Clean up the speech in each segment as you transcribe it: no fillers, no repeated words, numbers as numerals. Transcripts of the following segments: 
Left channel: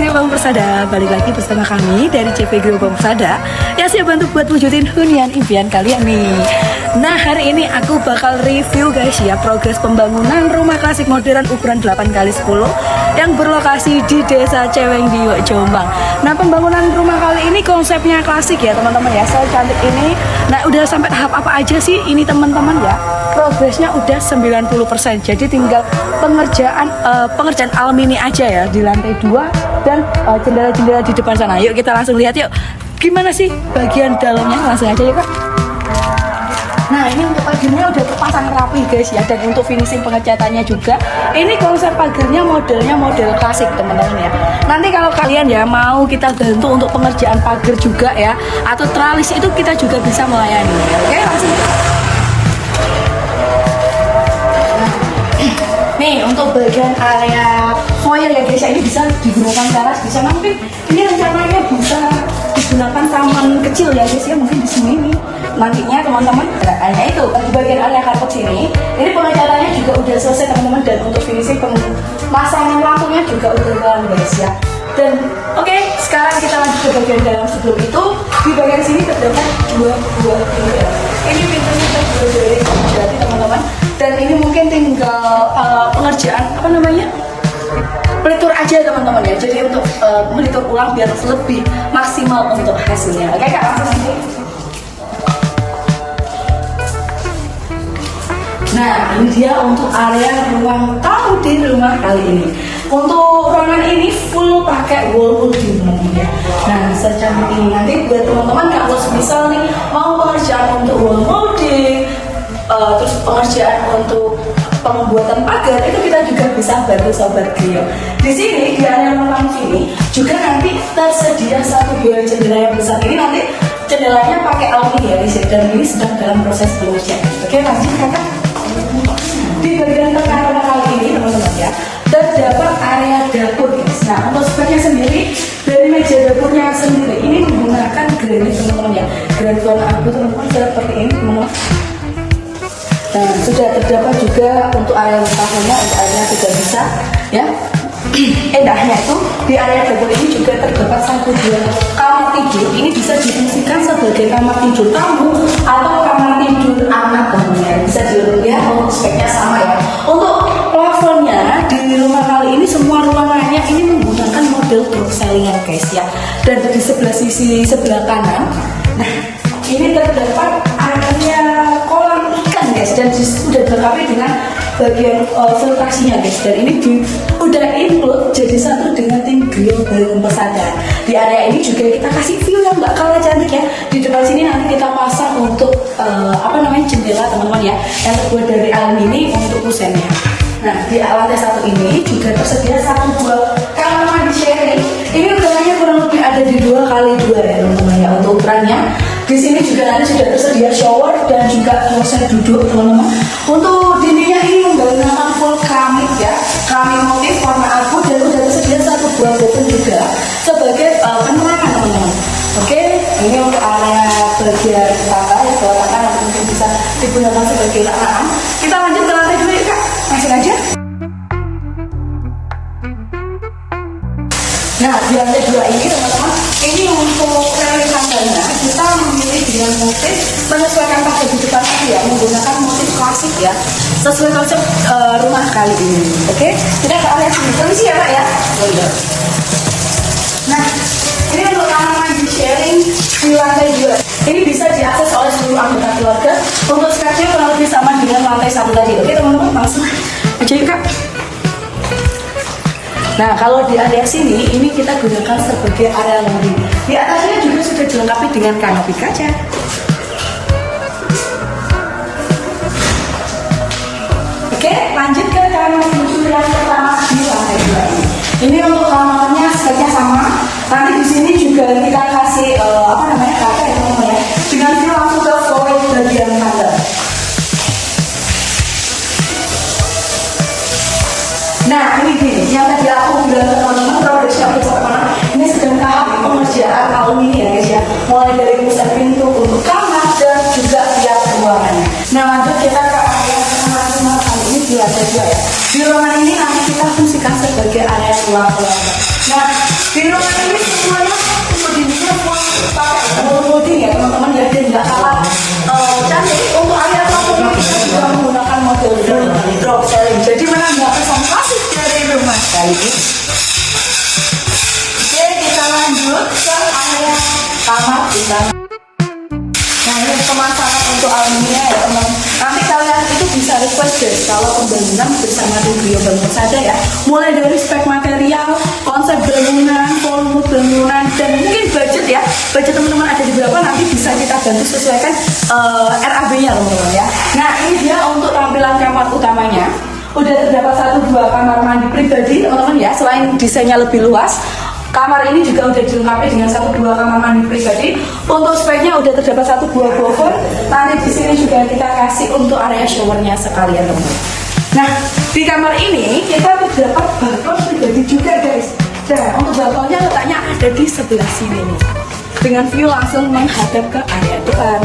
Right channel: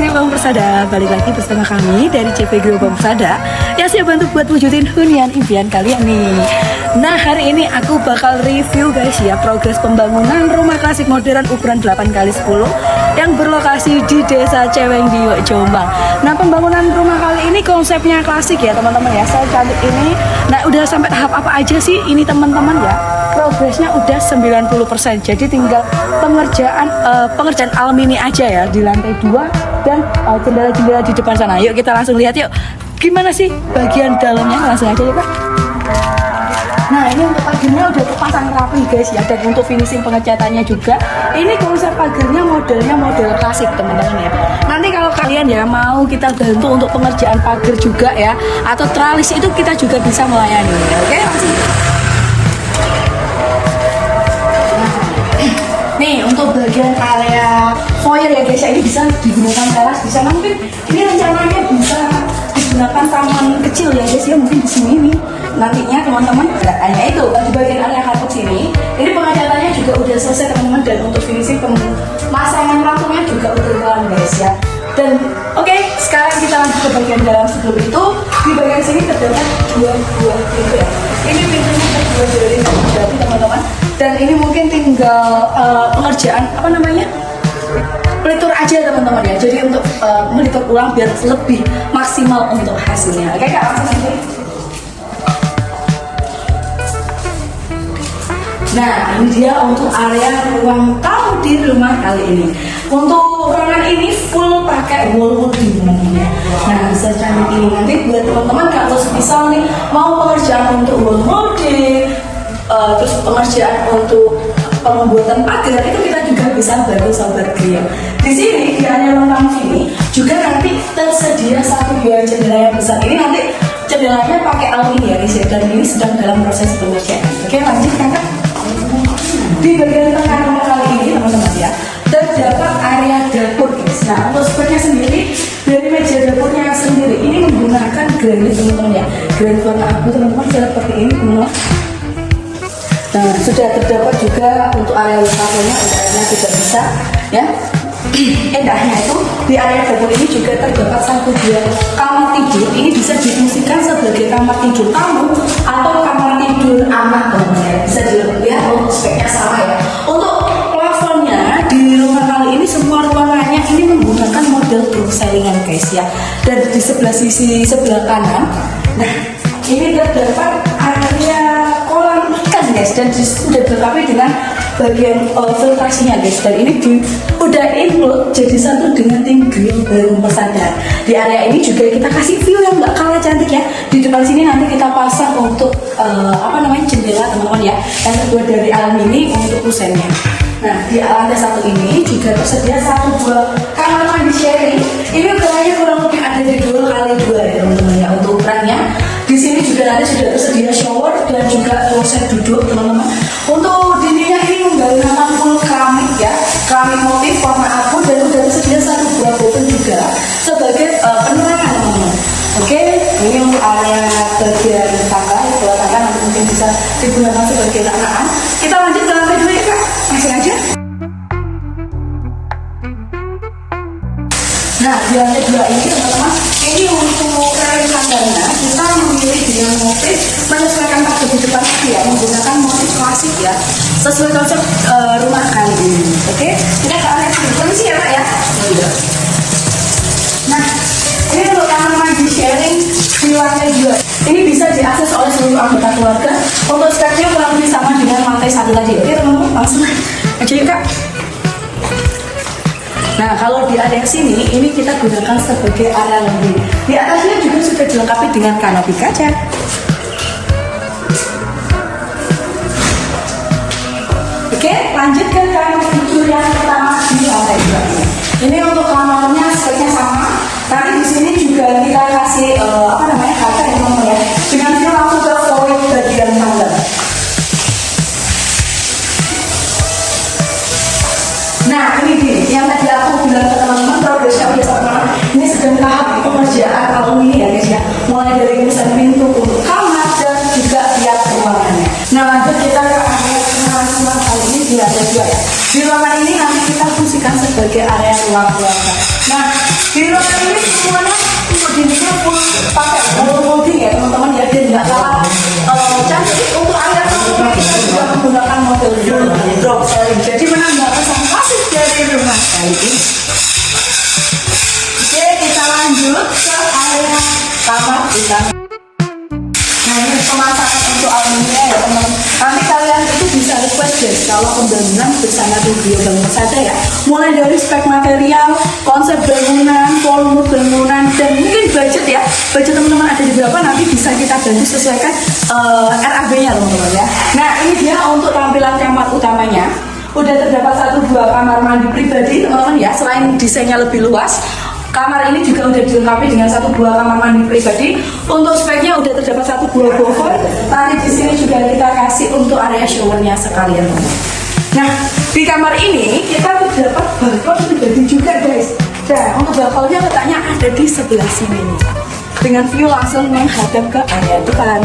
Gerbang Persada, balik lagi bersama kami dari CP Gerbang Persada yang siap bantu buat wujudin hunian impian kalian nih. Nah, hari ini aku bakal review guys ya progres pembangunan rumah klasik modern ukuran 8x10 yang berlokasi di Desa Ceweng di Jombang. Nah, pembangunan rumah kali ini konsepnya klasik ya teman-teman ya, secantik ini. Nah, udah sampai tahap apa aja sih ini teman-teman ya? Progresnya udah 90%, jadi tinggal pengerjaan alumini aja ya di lantai 2 dan jendela-jendela di depan sana. Yuk kita langsung lihat yuk gimana sih bagian dalamnya, langsung aja yuk Kak. Nah, ini untuk pagarnya udah terpasang rapi guys ya, dan untuk finishing pengecatannya juga ini konsep pagarnya modelnya model klasik teman-teman ya. Nanti kalau kalian ya mau kita bantu untuk pengerjaan pagar juga ya, atau tralis itu kita juga bisa melayani ya. Oke, langsung. Nih untuk bagian area foyer ya guys, ini bisa digunakan teras, bisa mungkin ini rencananya bisa digunakan taman kecil ya guys ya, mungkin di sini nih nantinya teman-teman. Nah, hanya itu di bagian area kapuk sini, ini pengecatannya juga udah selesai teman-teman, dan untuk finishing pemasangan lampunya juga udah kelar guys ya. Dan oke, sekarang kita lanjut ke bagian dalam. Sebelum itu di bagian sini terdapat dua pintu ya. Ini pintunya terbuat dari kayu jati teman-teman, dan ini mungkin tinggal pengerjaan pelitur aja teman-teman ya. Jadi untuk melitur ulang biar lebih maksimal untuk hasilnya. Oke Kak, langsung sini. Nah, ini dia untuk area ruang tamu di rumah kali ini. Untuk ruangan ini full pakai wallwood ya. Nah, secantik ini nanti buat teman-teman nggak harus misal nih mau pengerjaan untuk wall molding, terus pengerjaan untuk pembuatan pagar, itu kita juga bisa bantu sobat Grio. Di sini di area ruang tamu sini juga nanti tersedia satu buah jendela yang besar. Ini nanti jendelanya pakai aluminium ya, dan ini sedang dalam proses pengerjaan. Oke, lanjut Kakak. Di bagian tengah rumah kali ini teman-teman ya, terdapat area dapur guys. Nah, untuk speknya sendiri dari meja dapurnya sendiri ini menggunakan granit teman-teman ya, granit warna abu teman-teman, seperti ini teman-teman. Nah, sudah terdapat juga untuk area wastafelnya, airnya sudah bisa ya. Endahnya itu di area dapur ini juga terdapat satu buah kamar tidur. Ini bisa difungsikan sebagai kamar tidur tamu atau kamar tidur anak ya. Bisa dilihat untuk speknya sama ya. Untuk plafonnya di rumah kali ini semua ruangannya ini menggunakan model drop ceiling guys ya. Dan di sebelah sisi sebelah kanan, nah ini terdapat area kolam ikan guys, dan sudah dilengkapi dengan bagian filtrasinya guys, dan ini udah include jadi satu dengan grill Gerbang Persada. Di area ini juga kita kasih view yang nggak kalah cantik ya. Di depan sini nanti kita pasang untuk jendela teman-teman ya, yang terbuat dari aluminium untuk kusennya. Nah, di lantai satu ini juga tersedia satu buah kamar mandi sharing. Ini ukurannya kurang lebih ada di 2x2 ya teman-teman ya untuk ukurannya. Di sini juga nanti sudah tersedia shower dan juga kloset duduk teman-teman. Untuk dindingnya ini menggunakan full keramik ya, keramik motif warna abu, dan sudah tersedia satu buah botol juga sebagai penerangan teman-teman. Oke, ini untuk area bagian tangga, bawah tangga nanti mungkin bisa digunakan sebagai tanah. Kita lanjut ke lantai dulu ya Kak, langsung aja. Nah, di lantai 2 ini teman-teman, ini untuk rel tangganya kita memilih dengan motif menyesuaikan pagar di depan ya, menggunakan motif klasik ya, sesuai konsep rumah kali ini. Oke, kita ke area sini. Permisi ya Pak ya. Nah, ini untuk kamar mandi sharing di lantai 2. Ini bisa diakses oleh seluruh anggota keluarga. Untuk speknya kurang lebih sama dengan lantai 1 tadi. Oke teman-teman, langsung aja yuk Kak. Nah, kalau di area sini, ini kita gunakan sebagai area laundry. Di atasnya juga sudah dilengkapi dengan kanopi kaca. Oke, lanjut ke kamar tidur yang pertama di lantai 2 ini. Ini untuk kamarnya speknya sama. Nanti di sini juga kita kasih kaca ya teman-teman ya. Dengan langsung ke flooring bagian tangga. Nah, ini dia yang tadi aku bilang ke teman-teman, kalau udah siap teman-teman, ini sedang tahap pengerjaan alumni ya guys ya, mulai dari urusan pintu untuk kamar dan juga tiap ruangannya. Nah, lanjut kita ke area tengah rumah kali ini di lantai 2 ya. Di ruangan ini nanti kita fungsikan sebagai area ruang keluarga. Nah, di ruangan ini semuanya dindingnya full pakai molding ya teman-teman ya, dia nggak kalah cantik. Untuk area masuknya kita juga menggunakan molding drop ceiling, jadi menambahkan sama pasif dari rumah ini. Oke, kita lanjut ke area kamar kita. Nah, ini pemasangan untuk aluminium ya teman-teman. Nanti kalian itu bisa request guys kalau pembangunan bersama Rubio Bangun saja ya. Mulai dari spek material, konsep bangunan, volume bangunan, dan mungkin budget ya. Budget teman-teman ada di berapa nanti bisa kita bantu sesuaikan RAB-nya teman-teman ya. Nah, ini dia untuk tampilan kamar utamanya. Udah terdapat 1-2 kamar mandi pribadi teman-teman ya. Selain desainnya lebih luas, kamar ini juga udah dilengkapi dengan 1-2 kamar mandi pribadi. Untuk speknya udah terdapat 1-2 boven. Nanti di sini juga kita kasih untuk area showernya sekalian teman-teman. Nah, di kamar ini kita terdapat balkon pribadi juga guys. Nah, untuk balkonnya letaknya ada di sebelah sini nih, dengan view langsung menghadap ke area depan.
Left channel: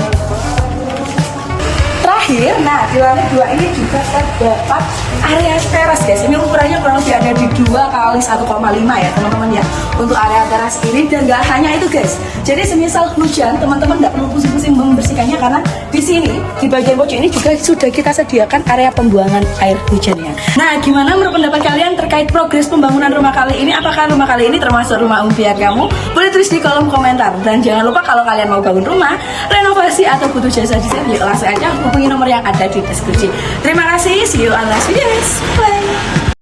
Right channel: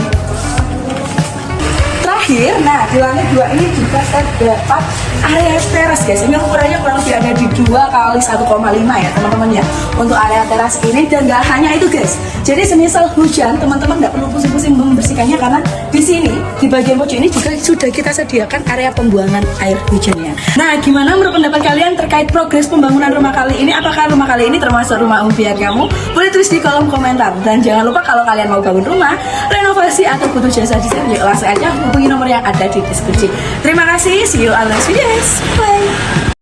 Terakhir, nah di lantai 2 ini juga terdapat area teras guys. Ini ukurannya kurang lebih ada di 2 kali 1,5 ya teman-teman ya, untuk area teras ini. Dan gak hanya itu guys, jadi semisal hujan teman-teman gak perlu pusing-pusing membersihkannya, karena di sini di bagian pojok ini juga sudah kita sediakan area pembuangan air hujannya. Nah, gimana menurut pendapat kalian terkait progres pembangunan rumah kali ini? Apakah rumah kali ini termasuk rumah impian kamu? Boleh tulis di kolom komentar. Dan jangan lupa kalau kalian mau bangun rumah, renovasi atau butuh jasa desain, yuk langsung aja hubungi nomor yang ada di deskripsi. Terima kasih, see you on next videos. Bye.